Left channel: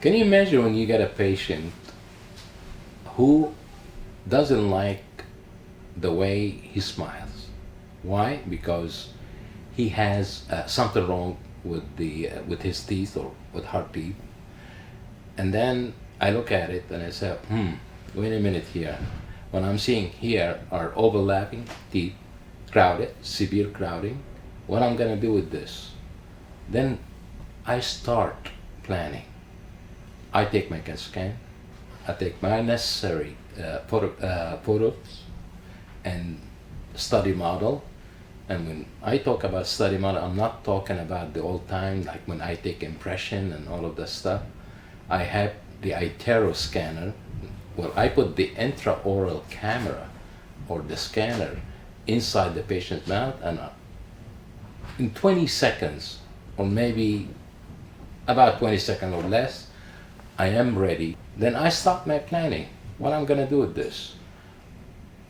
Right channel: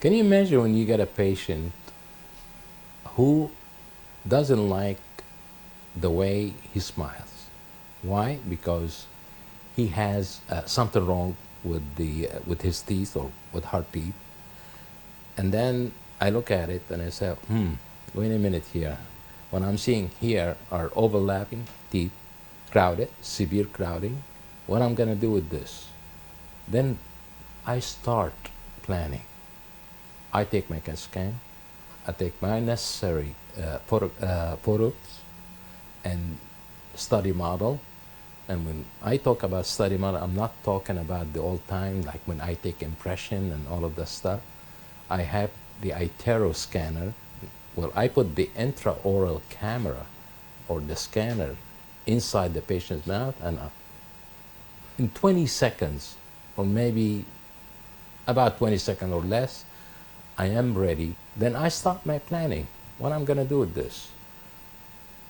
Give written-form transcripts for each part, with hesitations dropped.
Can you imagine when you get a patient who doesn't like the way he smiles? Why? Because he has something wrong with with his teeth or with her teeth. And then I look at it and I say, wait a minute here. What I'm seeing here are overlapping teeth, crowded, severe crowding. What I'm gonna do with this? Then I start planning. I take my CAT scan, I take my necessary photos and study model. And when I talk about study model, I'm not talking about the old time, like when I take impression and all of that stuff. I have the iTero scanner where I put the intraoral camera or the scanner inside the patient's mouth, and in 20 seconds, or maybe about 20 seconds or less, I am ready. Then I start my planning. What I'm gonna do with this?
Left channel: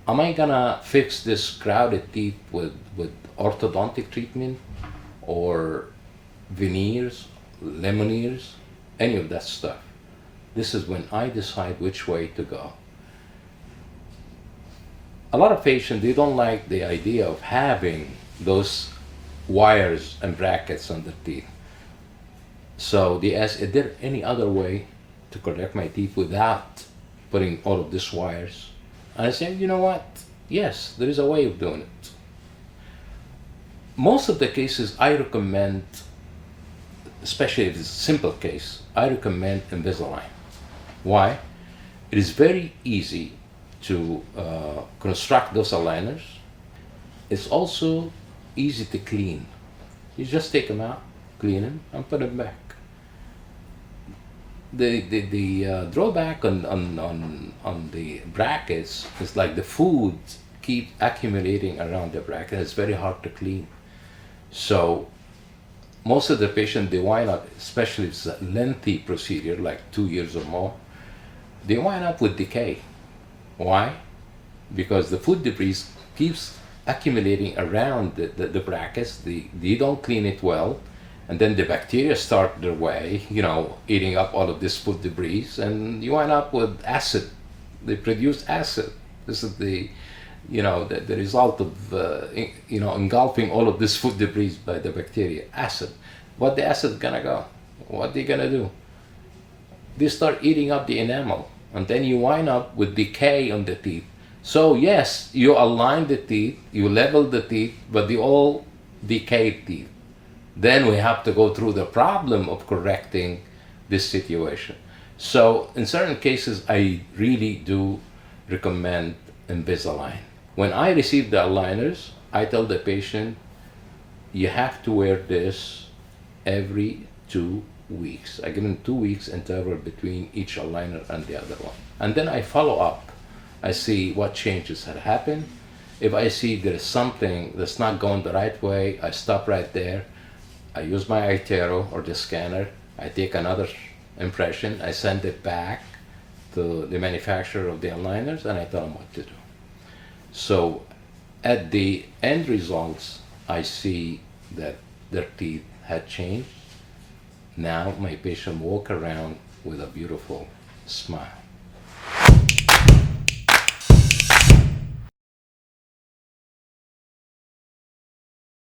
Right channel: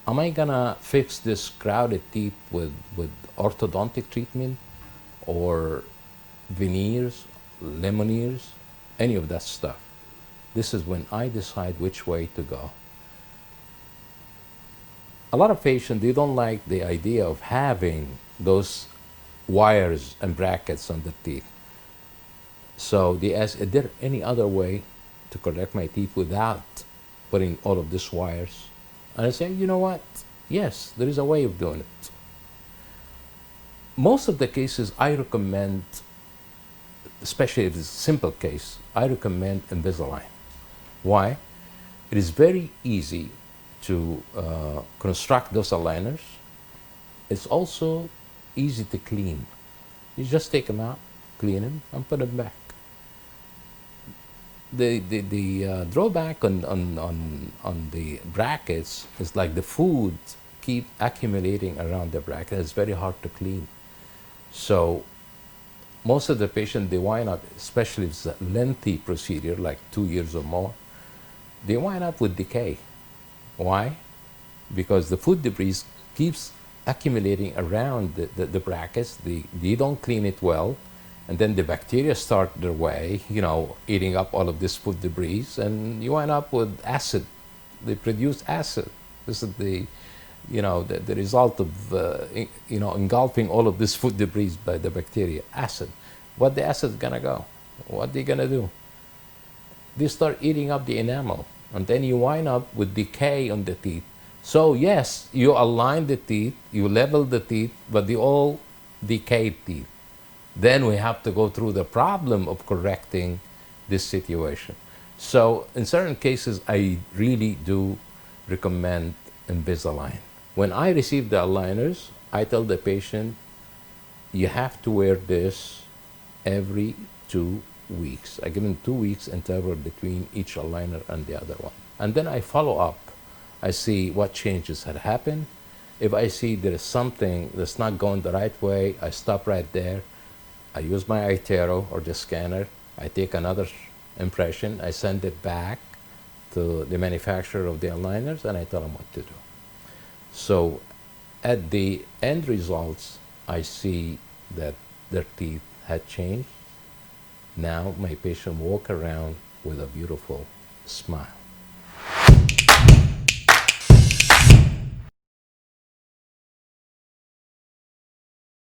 Am I gonna fix this crowded teeth with orthodontic treatment or veneers, Lemonniers, any of that stuff? This is when I decide which way to go. A lot of patients, they don't like the idea of having those wires and brackets on the teeth. So they ask, is there any other way to correct my teeth without putting all of these wires? And I say, you know what? Yes, there is a way of doing it. Most of the cases I recommend, especially if it's a simple case, I recommend Invisalign. Why? It is very easy to construct those aligners. It's also easy to clean. You just take them out, clean them, and put them back. The drawback on the brackets is like the food keep accumulating around the bracket. It's very hard to clean. So most of the patients, they wind up, especially if it's a lengthy procedure, like 2 years or more, they wind up with decay. Why? Because the food debris keeps accumulating around the brackets. They don't clean it well, and then the bacteria start their way, eating up all of this food debris, and you wind up with acid. They produce acid. This is the result of engulfing all of this food debris by the bacteria. Acid. What the acid gonna go? What they gonna do? They start eating up the enamel, and then you wind up with decay on the teeth. So yes, you align the teeth, you level the teeth, but they all decayed teeth. Then we have to go through the problem of correcting this situation. So in certain cases, I really do recommend Invisalign. When I receive the aligners, I tell the patient, you have to wear this every 2 weeks. I give them 2 weeks interval between each aligner and the other one. And then I follow up. I see what changes had happened. If I see there is something that's not going the right way, I stop right there. I use my iTero or the scanner. I take another impression. I send it back to the manufacturer of the aligners, and I tell them what to do. So at the end results, I see that their teeth had changed. Now my patient walk around with a beautiful smile.